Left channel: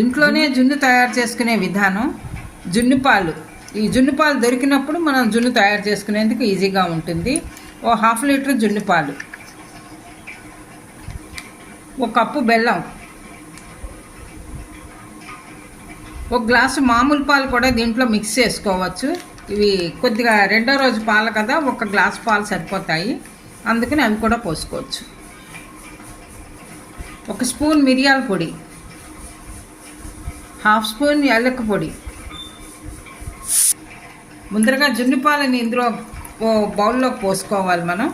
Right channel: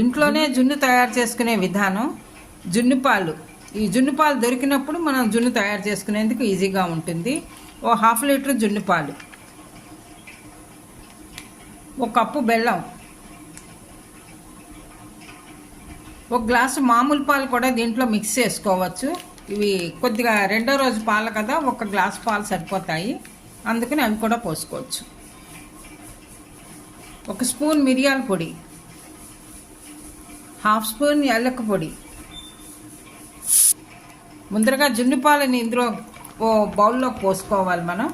ఇంట్లోనే జున్ను తయారు చేసుకునే విధానం జున్ను పాలు ఈ జున్ను పాలు దొరికినప్పుడు మనం జున్ను తయారు చేసుకునేందుకు ఈజీగా ఉంటుంది. ఓ హాఫ్ లీటర్ జున్ను పాలు ఒక కప్పు బెల్లం. ఒక గ్లాసు మామూలు పాలు కూడా దీంట్లో మిక్స్ చేసుకోవచ్చు. ఇవి కొద్దిగా రెండో రోజు పాలు కదా ఒక గ్లాస్ పాలు సరిపోతాయి. అందుకని అవి కూడా పోసుకోవచ్చు. ఒక స్పూన్ మిరియాల పొడి. హాఫ్ స్పూన్ యాలక్క పొడి. ముందరగా జున్ను పాలని ఇందులో ఓ బౌల్లో పోసుకోవాలి మనం.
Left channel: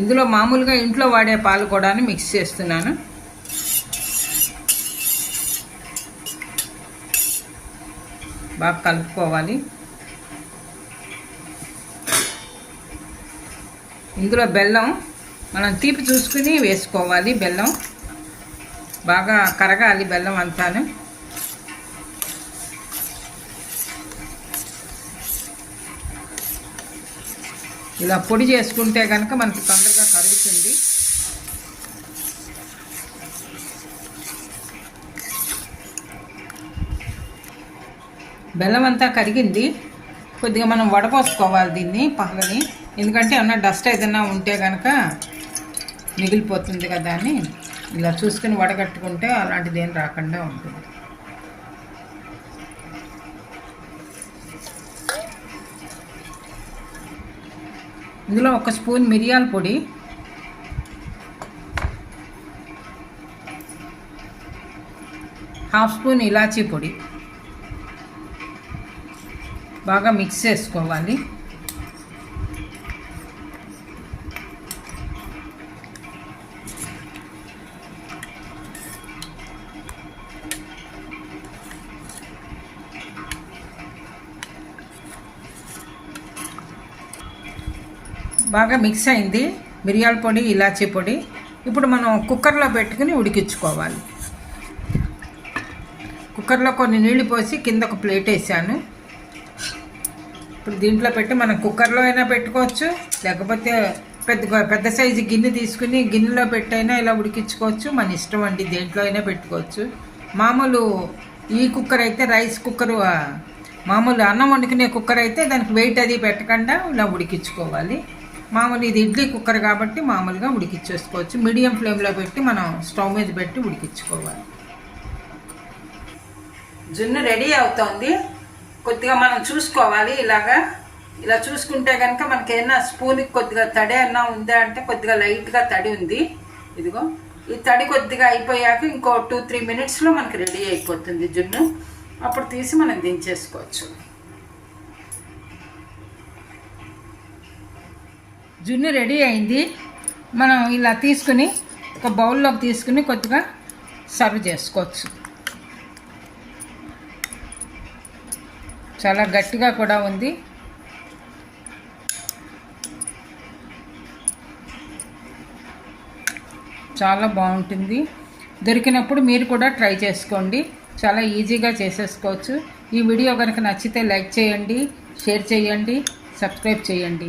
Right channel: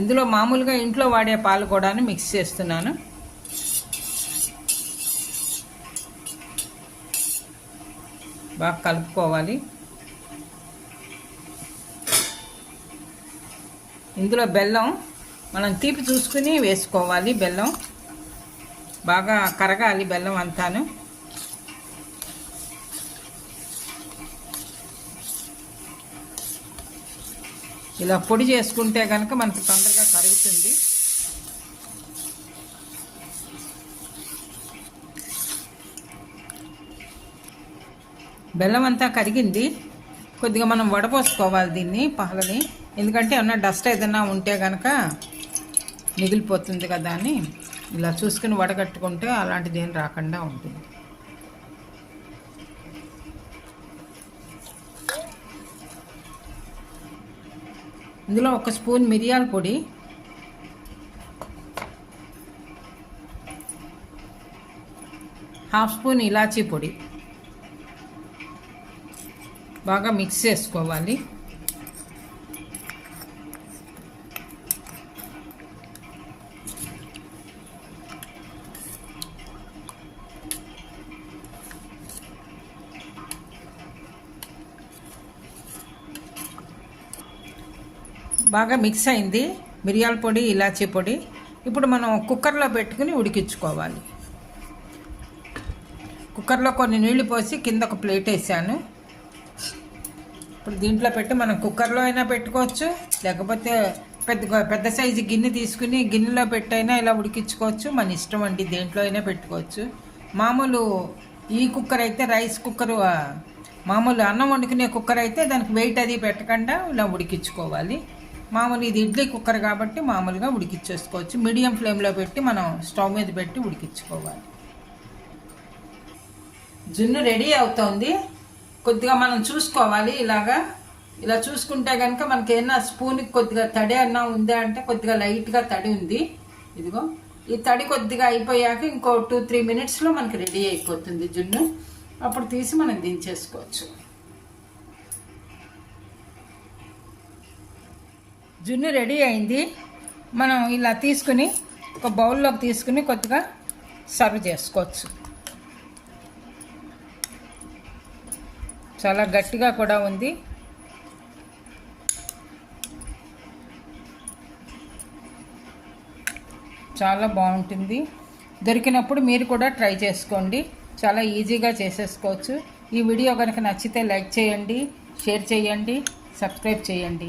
ఇందులో మామూలుగా ఇంట్లో వాడే పాలు కూడా మిక్స్ చేస్తున్నాను. బాగా కలుపుకోవాలి. ఇందులో బెల్లం మనం తీపి చూసుకుని వేసుకోవాలి. బెల్లం బాగా కరగాలి బెల్లం అంతాను. ఇలా పొడి చేసుకుంటే కనుక మనకి తొందరగా కరుగుతుంది. బెల్లం అంతా కరిగింది. కొద్దిగా మనం వడపోసుకోవాలి దీన్ని పాలని. ఎందుకంటే ఏమన్నా డస్ట్ ఏదైనా ఉంటే కనుక మిగిలిపోతుంది కదా అని ఇలా చూసుకుని వడగట్టుకుంటే అలాంటిది ఏం రాకుండా ఉంటుంది. ఇందులో ఒక స్పూన్ మిరియాల పొడి హాఫ్ స్పూన్ ఇలాచీ పొడి. బాగా మిక్స్ చేసుకోవాలి. బాగా మిక్స్ అయింది. మిరియాల పొడి ఇలాచీ పొడి. ఇప్పుడు మనం కుక్కర్లో పెట్టుకుని ఉడికించుకోవాలి. కుక్కర్లో కొన్ని నీళ్ళు పోసి కింద ఒక ప్లేట్ వేసాను. ఇప్పుడు దీంట్లో పెట్టి మనం కుక్కర్లో అయినా పెట్టుకోవచ్చు. లేకపోతే పెద్ద పెద్ద సైజు గిన్నె తీసుకుని గిన్నెలో పెట్టైనా ఇలా ఉడికించుకోవచ్చు. మన ఇష్టం అండి దేంట్లో అయినా పెట్టుకోవచ్చు. మామూలు ఈ కుక్కర్ అయితే రైస్ కుక్కర్ మామూలు అన్నం వండుకునే కుక్కర్ అయితే దానికి వెయిట్ అది పెట్టకుండా ఇలా ఉడికించుకోవాలి. మామూలు ఇది ఇడ్లీ కుక్కర్ కాబట్టి మామూలుగా ఉడికిచ్చేసుకోవచ్చు. మీడియం ఫ్లేమ్లో పెట్టి మనం స్టవ్ మీద పెట్టి ఉడికించుకోవాలి. జున్ను రెడీ అవుతోంది. కొద్దిగా మనం చూసుకోవాలి ఇలాగా. ఇలా చూసుకుంటే కనుక మనకేమన్నా స్పూన్కి కొద్దిగా తడి అన్నా ఉందా అంటే కొద్దిగా లైట్గా తడి ఉంది. ఇదిగో ఈ తడి కొద్దిగా అయిపోయాక ఇంకో టూ త్రీ మినిట్స్లో మనకి రెడీ అయిపోతుంది జున్ను. అప్పుడు తీసి మనం దించేసుకోవచ్చు. జున్ను రెడీ అయింది. మనం ఇలా తీసుకుని ఒక బౌల్లోకి తీసుకుని కొద్దిగా సర్వ్ చేసుకోవచ్చు. చాలా గట్టిగా కూడా ఉంది. చాలా బాగుంటుంది. దొరికినప్పుడు మీరు కూడా ట్రై చేసుకోండి. చాలా ఈజీగా చేసేసుకోవచ్చు. ఈ వీడియో కనుక నచ్చితే లైక్ చేయండి షేర్ చేయండి సబ్స్క్రైబ్ చేయండి.